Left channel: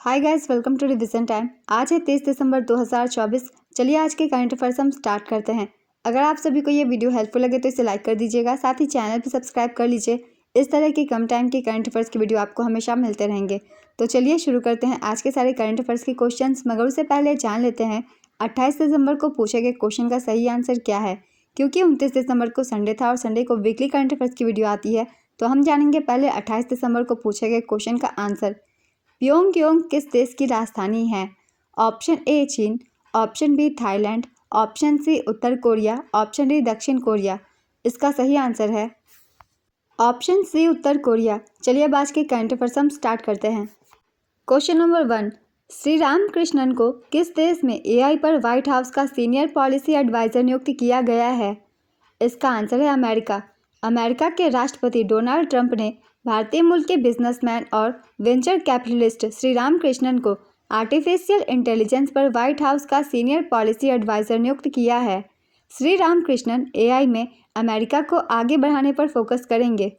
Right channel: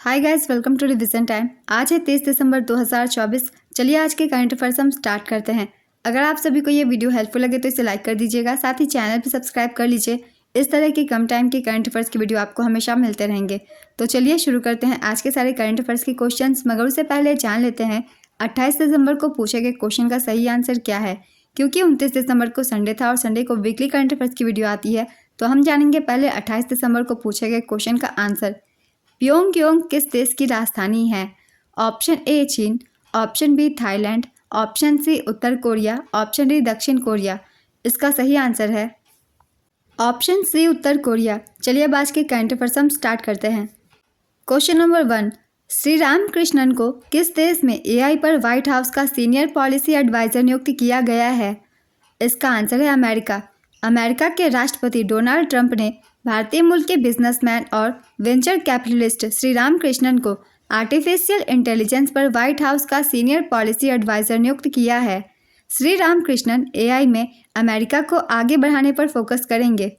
Hi guys, welcome to revision time. आज है 23 दिसंबर 2024। चलिए आज के करंट अफेयर्स हम स्टार्ट करते हैं। अगर आप सभी को ये वीडियो हेल्पफुल लगे तो इसे लाइक कर दीजिएगा, साथ ही चैनल भी सब्सक्राइब कर लीजिए। इस तरह की कम टाइम की करंट अफेयर्स की वीडियो आपको हमेशा मिलते रहेंगे। तो चलिए शुरू करते हैं आज के सारे करंट अफेयर्स के क्वेश्चन। मगर उससे पहले जान लेते हैं 28 दिसंबर को पूछे गए क्वेश्चन का सही आंसर क्या है। क्योंकि 29 दिसंबर को संडे था और संडे को वीकली करंट अफेयर्स की वीडियो आती है, तो हम जानेंगे पहले 28 दिसंबर को पूछे गए क्वेश्चन का आंसर। प्योंगयांग किस देश की राजधानी है? ऑप्शन ए चीन, option B Thailand, option C उत्तर कोरिया, ऑप्शन डी दक्षिण कोरिया। इसका सही आंसर है ऑप्शन सी उत्तर कोरिया। चलिए अब आज के करंट अफेयर्स हम स्टार्ट करते हैं। क्वेश्चन नंबर 1, श्री रामकृष्णन को किस देश में एआई पर व्हाइट हाउस का सीनियर पॉलिसी एडवाइजर नियुक्त किया गया है? इसका आंसर है अमेरिका। अमेरिका के राष्ट्रपति डोनाल्ड ट्रंप ने भारतीय मूल के बिजनेसमैन और वेंचर कैपिटलिस्ट श्री रामकृष्णन को आर्टिफिशियल इंटेलिजेंस पर व्हाइट हाउस का सीनियर पॉलिसी एडवाइजर नियुक्त किया है। श्री रामकृष्णन एआई में अमेरिका को आगे बढ़ाने पर फोकस करेंगे।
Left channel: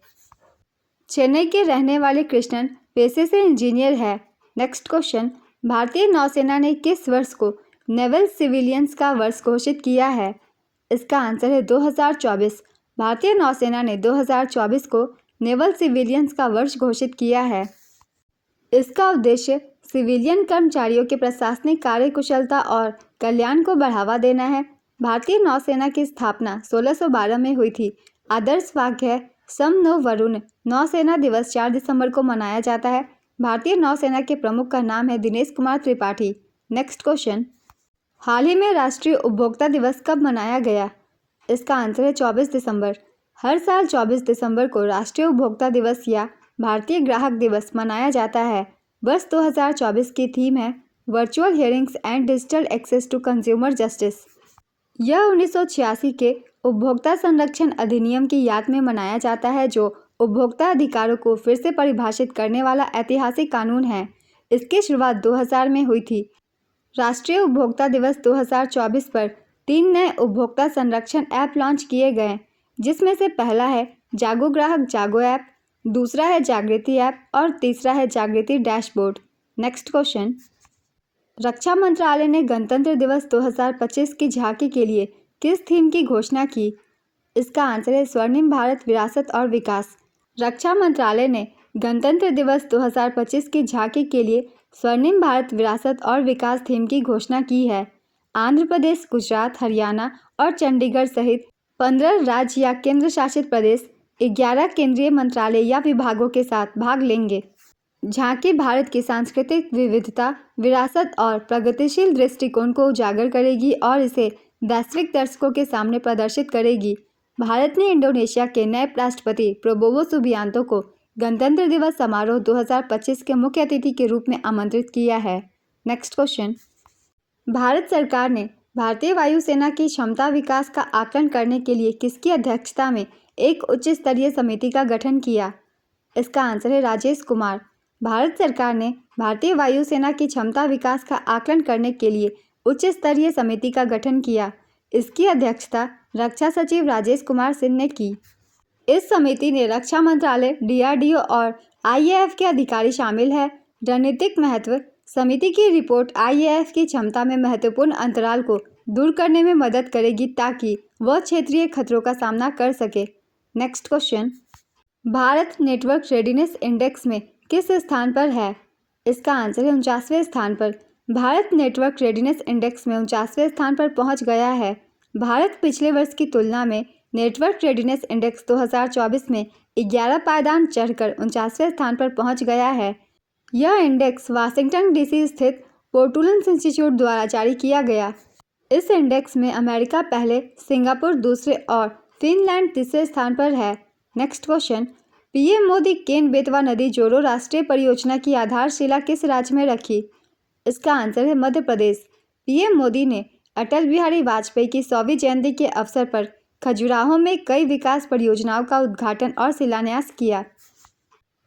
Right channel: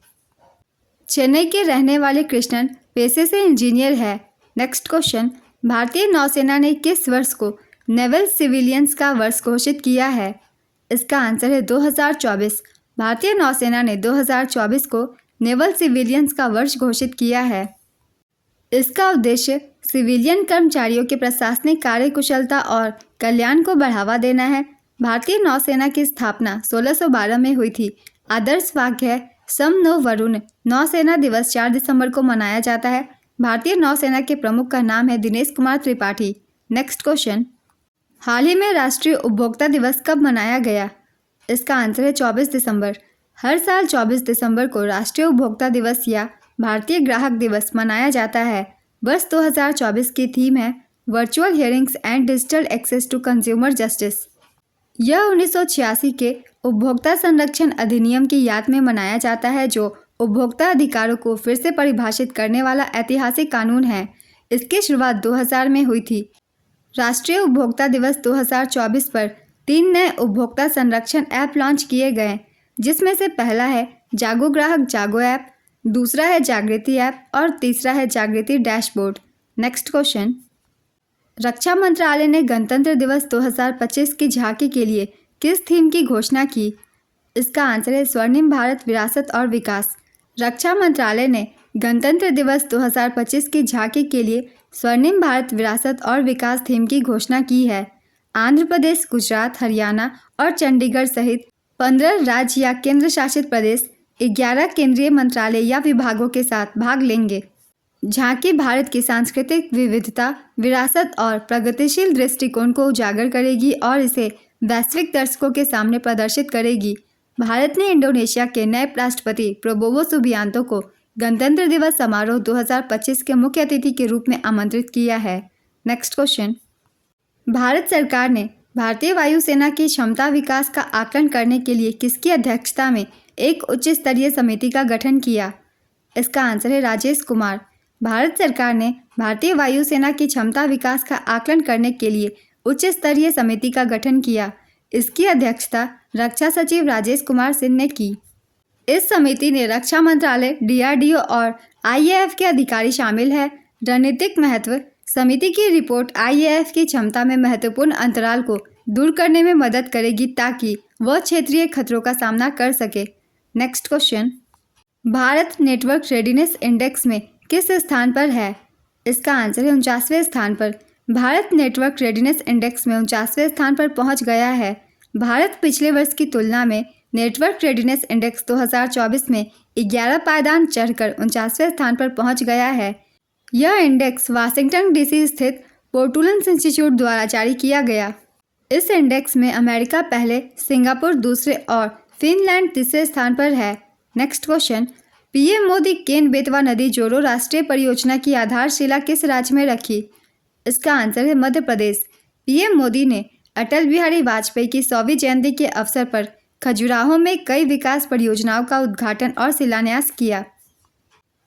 चेन्नई के रहने वाले कृष्णन पेशे से इंजीनियर है। नेक्स्ट क्वेश्चन, भारतीय नौसेना ने किस वर्ष को नेवल सिविलियंस का वर्ष घोषित किया है? इसका आंसर है 2024। भारतीय नौसेना ने 2024 को नेवल सिविलियंस का वर्ष घोषित किया है। इसका उद्देश्य सिविलियन कर्मचारियों के प्रशासनिक कार्यकुशलता और कल्याण को बढ़ावा देना है। भारतीय नौसेना की स्थापना 1612 में हुई थी। आदर्श वाक्य है सम नो वरुण। नौसेना दिवस 4 दिसंबर को मनाया जाता है। भारतीय नौसेना के प्रमुख का नाम है दिनेश कुमार त्रिपाठी। नेक्स्ट क्वेश्चन, हाल ही में राष्ट्रीय उपभोक्ता दिवस कब मनाया गया? इसका आंसर है 24 दिसंबर। हर साल 24 दिसंबर को राष्ट्रीय उपभोक्ता दिवस या भारतीय ग्राहक दिवस मनाया जाता है। वर्ष 2024 की थीम है virtual hearings and digital access to consumer justice. यह 1986 के उपभोक्ता संरक्षण अधिनियम की याद में मनाया जाता है, जो उपभोक्ता अधिकारों को फिर से परिभाषित करने वाला ऐतिहासिक कानून है। इसकी शुरुआत 2000 में हुई थी। राष्ट्रीय उपभोक्ता दिवस 2024 पर 3 नए उपभोक्ता संरक्षण ऐप लॉन्च किए गए, जिसमें से पहला है जागो ग्राहक जागो ऐप, दूसरा है जागृति ऐप और तीसरा है जागृति डैशबोर्ड। नेक्स्ट क्वेश्चन, रक्षा मंत्रालय ने गणतंत्र दिवस 2025 की झांकी के लिए किस थीम की घोषणा की? इसका आंसर है स्वर्णिम भारत विरासत और विकास। रक्षा मंत्रालय ने गणतंत्र दिवस 2025 की झांकी के लिए स्वर्णिम भारत विरासत और विकास थीम की घोषणा की है। आंध्र प्रदेश, गुजरात, हरियाणा और चंडीगढ़ सहित 15 राज्य या केंद्र शासित प्रदेश 11 केंद्रीय मंत्रालय या विभागों के साथ भाग लेंगे। झांकी भारत की सांस्कृतिक विविधता, विरासत और प्रगतिशील दृष्टिकोण को उजागर करेगी और इसे वैश्विक दर्शकों के सामने प्रदर्शित करेगी। भारत ने इंडोनेशिया के नए राष्ट्रपति प्रबोवो सुबियांतो को गणतंत्र दिवस समारोह 2025 के मुख्य अतिथि के रूप में आमंत्रित किया है। नेक्स्ट क्वेश्चन, भारत सरकार ने भारतीय वायुसेना की क्षमता विकास का आकलन करने के लिए किसकी अध्यक्षता में एक उच्च स्तरीय समिति का गठन किया? इसका आंसर है राजेश कुमार। भारत सरकार ने भारतीय वायुसेना की क्षमता विकास का आकलन करने के लिए उच्च स्तरीय समिति का गठन किया। इसकी अध्यक्षता रक्षा सचिव राजेश कुमार सिंह ने की। इस समिति ने रक्षा मंत्रालय, डीआरडीओ और आईएएफ के अधिकारी शामिल है। रणनीतिक महत्व, समिति की रिपोर्ट आईएएफ की क्षमता में महत्वपूर्ण अंतराल को दूर करने में मदद करेगी ताकि वह क्षेत्रीय खतरों का सामना कर सके। Next question, Bharat network readiness index में किस स्थान पर है? इसका आंसर है 49वें स्थान पर। भारत नेटवर्क रेडीनेस इंडेक्स में 49वें स्थान पर पहुंच गया है। भारत पिछले वर्ष की तुलना में नेटवर्क रेडीनेस इंडेक्स 2024 में 11 पायदान चढ़कर 49वें स्थान पर पहुंच गया है। यह इंडेक्स वाशिंगटन डीसी स्थित पोर्टुलेंस इंस्टीट्यूट द्वारा जारी किया गया। इस इंडेक्स में अमेरिका पहले, सिंगापुर दूसरे और फिनलैंड तीसरे स्थान पर है। Next question, PM Modi Ken Betwa नदी जोड़ो राष्ट्रीय परियोजना की आधारशिला किस राज्य में रखी? इसका आंसर है मध्य प्रदेश। पीएम मोदी ने अटल बिहारी वाजपेयी की 100वीं जयंती के अवसर पर खजुराहो में कई विकास परियोजनाओं का उद्घाटन और शिलान्यास किया।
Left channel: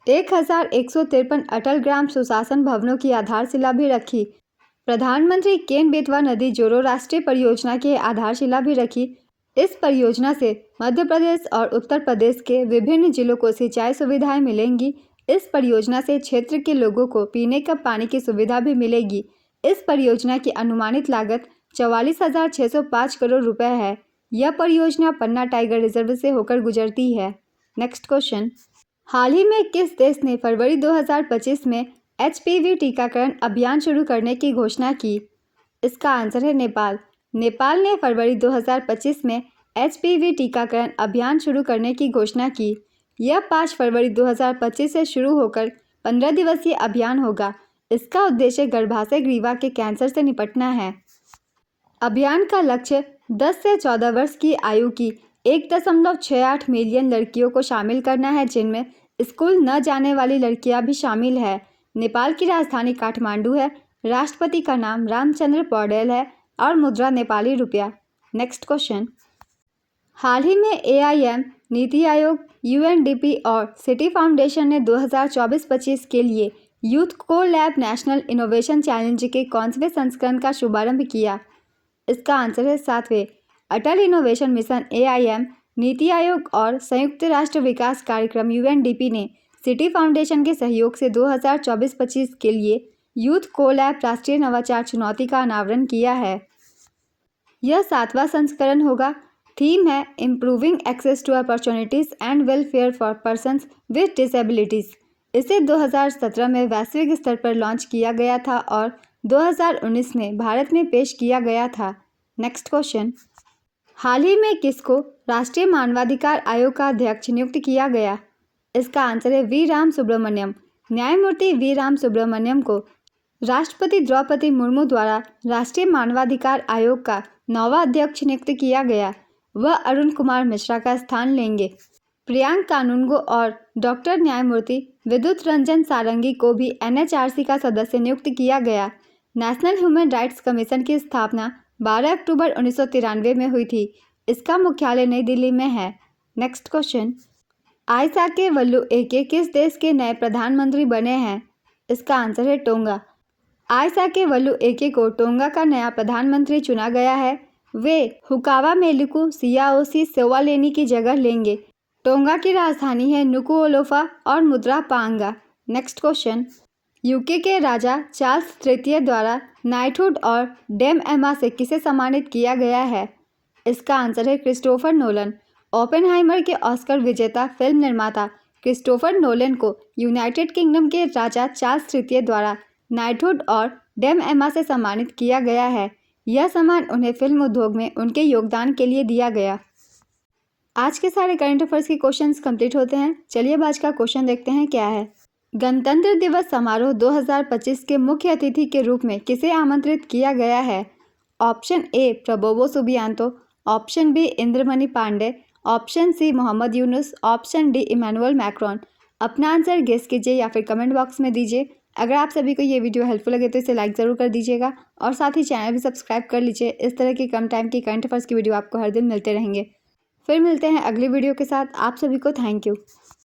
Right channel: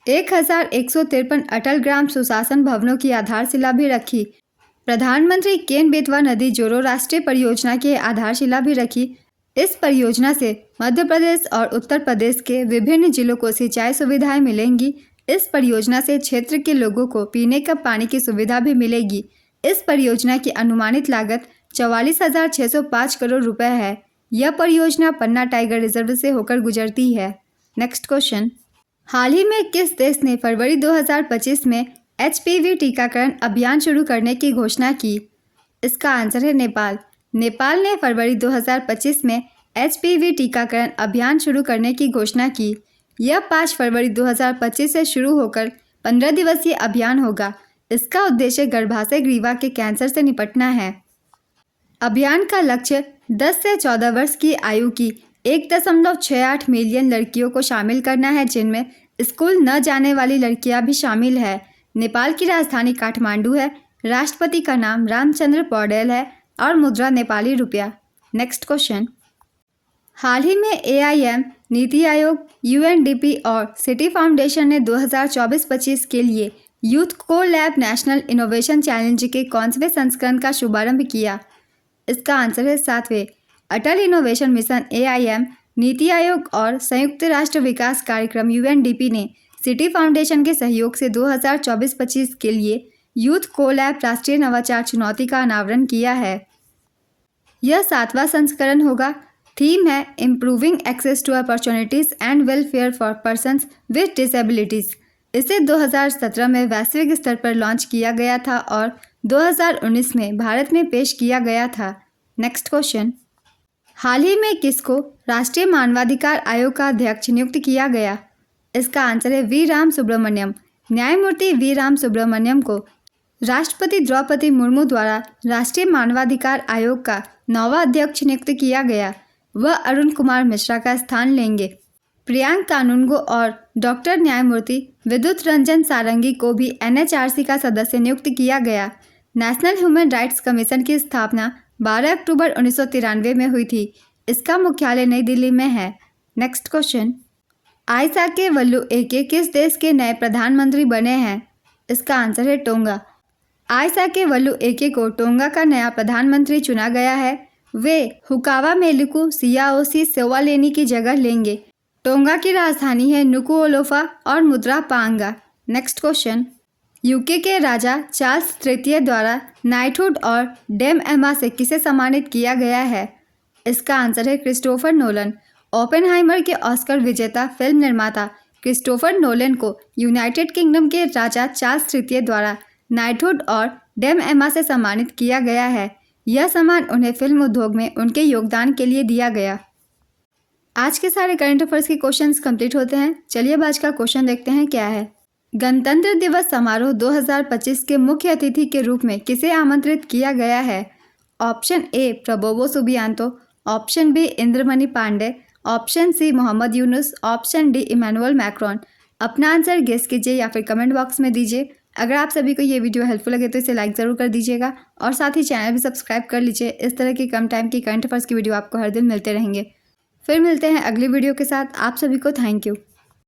1153 अटल ग्राम सुशासन भवनों की आधारशिला भी रखी। प्रधानमंत्री केन बेतवा नदी जोड़ो राष्ट्रीय परियोजना की आधारशिला भी रखी। इस परियोजना से मध्य प्रदेश और उत्तर प्रदेश के विभिन्न जिलों को सिंचाई सुविधाएं मिलेंगी। इस परियोजना से क्षेत्र के लोगों को पीने का पानी की सुविधा भी मिलेगी। इस परियोजना की अनुमानित लागत 44,605 करोड़ रुपए है। यह परियोजना पन्ना टाइगर रिजर्व से होकर गुजरती है। नेक्स्ट क्वेश्चन, हाल ही में किस देश ने फरवरी 2025 में HPV टीकाकरण अभियान शुरू करने की घोषणा की? इसका आंसर है नेपाल। नेपाल ने फरवरी 2025 में HPV टीकाकरण अभियान शुरू करने की घोषणा की। यह 5 फरवरी 2025 से शुरू होकर 15 दिवसीय अभियान होगा। इसका उद्देश्य गर्भाशय ग्रीवा के कैंसर से निपटना है। अभियान का लक्ष्य 10 से 14 वर्ष की आयु की 1.68 मिलियन लड़कियों को शामिल करना है, जिनमें स्कूल न जाने वाली लड़कियां भी शामिल है। नेपाल की राजधानी काठमांडू है। राष्ट्रपति का नाम रामचंद्र पौडेल है और मुद्रा नेपाली रुपया। नेक्स्ट क्वेश्चन, हाल ही में AIM, नीति आयोग, UNDP और सिटी फाउंडेशन ने 2024-25 के लिए यूथ को लैब नेशनल इनोवेशन चैलेंज के कौनवें संस्करण का शुभारंभ किया? इसका आंसर है 7वें। अटल innovation mission AIM, NITI Aayog और संयुक्त राष्ट्र विकास कार्यक्रम UNDP ने सिटी फाउंडेशन के सहयोग से 2024-25 के लिए यूथ को लैब राष्ट्रीय नवाचार चुनौती का अनावरण किया है। यह 7वां संस्करण होगा। थीम है improving access to opportunities and welfare for persons with disabilities. इसे 2017 में वैश्विक स्तर पर लॉन्च किया गया था और 2019 में भारत में पेश किया गया था। नेक्स्ट क्वेश्चन, हाल ही में किसको राष्ट्रीय मानवाधिकार आयोग का अध्यक्ष नियुक्त किया गया? इसका आंसर है वी राम सुब्रमण्यम। न्यायमूर्ति वी राम सुब्रमण्यम को राष्ट्रपति द्रौपदी मुर्मू द्वारा राष्ट्रीय मानवाधिकार आयोग का 9वां अध्यक्ष नियुक्त किया गया। वह अरुण कुमार मिश्रा का स्थान लेंगे। प्रियांक कानूनगो और डॉक्टर न्यायमूर्ति विद्युत रंजन सारंगी को भी NHRC का सदस्य नियुक्त किया गया। नेशनल ह्यूमन राइट्स कमीशन की स्थापना 12 अक्टूबर 1993 में हुई थी। इसका मुख्यालय नई दिल्ली में है। नेक्स्ट क्वेश्चन, आइसाके वल्लू एके किस देश के नए प्रधानमंत्री बने हैं? इसका आंसर है टोंगा। आइसाके वल्लू एके को टोंगा का नया प्रधानमंत्री चुना गया है। वे हुकावा मेलुकु सियाओसी सेवालेनी की जगह लेंगे। टोंगा की राजधानी है नुकुओलोफा और मुद्रा पांगा। नेक्स्ट क्वेश्चन, यूके के राजा चार्ल्स तृतीय द्वारा नाइटहुड और डेम एमा से किसे सम्मानित किया गया है? इसका आंसर है क्रिस्टोफर नोलन। ओपेनहाइमर के ऑस्कर विजेता फिल्म निर्माता क्रिस्टोफर नोलन को यूनाइटेड किंगडम के राजा चार्ल्स तृतीय द्वारा नाइटहुड और डेम एमा से सम्मानित किया गया है। यह सम्मान उन्हें फिल्म उद्योग में उनके योगदान के लिए दिया गया। आज के सारे करंट अफेयर्स के क्वेश्चंस कंप्लीट होते हैं। चलिए अब आज का क्वेश्चन देखते हैं क्या है। गणतंत्र दिवस समारोह 2025 के मुख्य अतिथि के रूप में किसे आमंत्रित किया गया है? Option A Prabowo Subianto, option B Indramani Pandey, option C Mohammad Yunus, option D Emmanuel Macron. अपना आंसर गेस कीजिए या फिर कमेंट बॉक्स में दीजिए। अगर आप सभी को ये वीडियो हेल्पफुल लगे तो इसे लाइक ज़रूर कर दीजिएगा और साथ ही चैनल भी सब्सक्राइब कर लीजिए। इस तरह की कम टाइम की करंट अफेयर्स की वीडियो आपको हर दिन मिलते रहेंगे। फिर मिलते हैं अगली वीडियो के साथ। आप सभी को थैंक यू।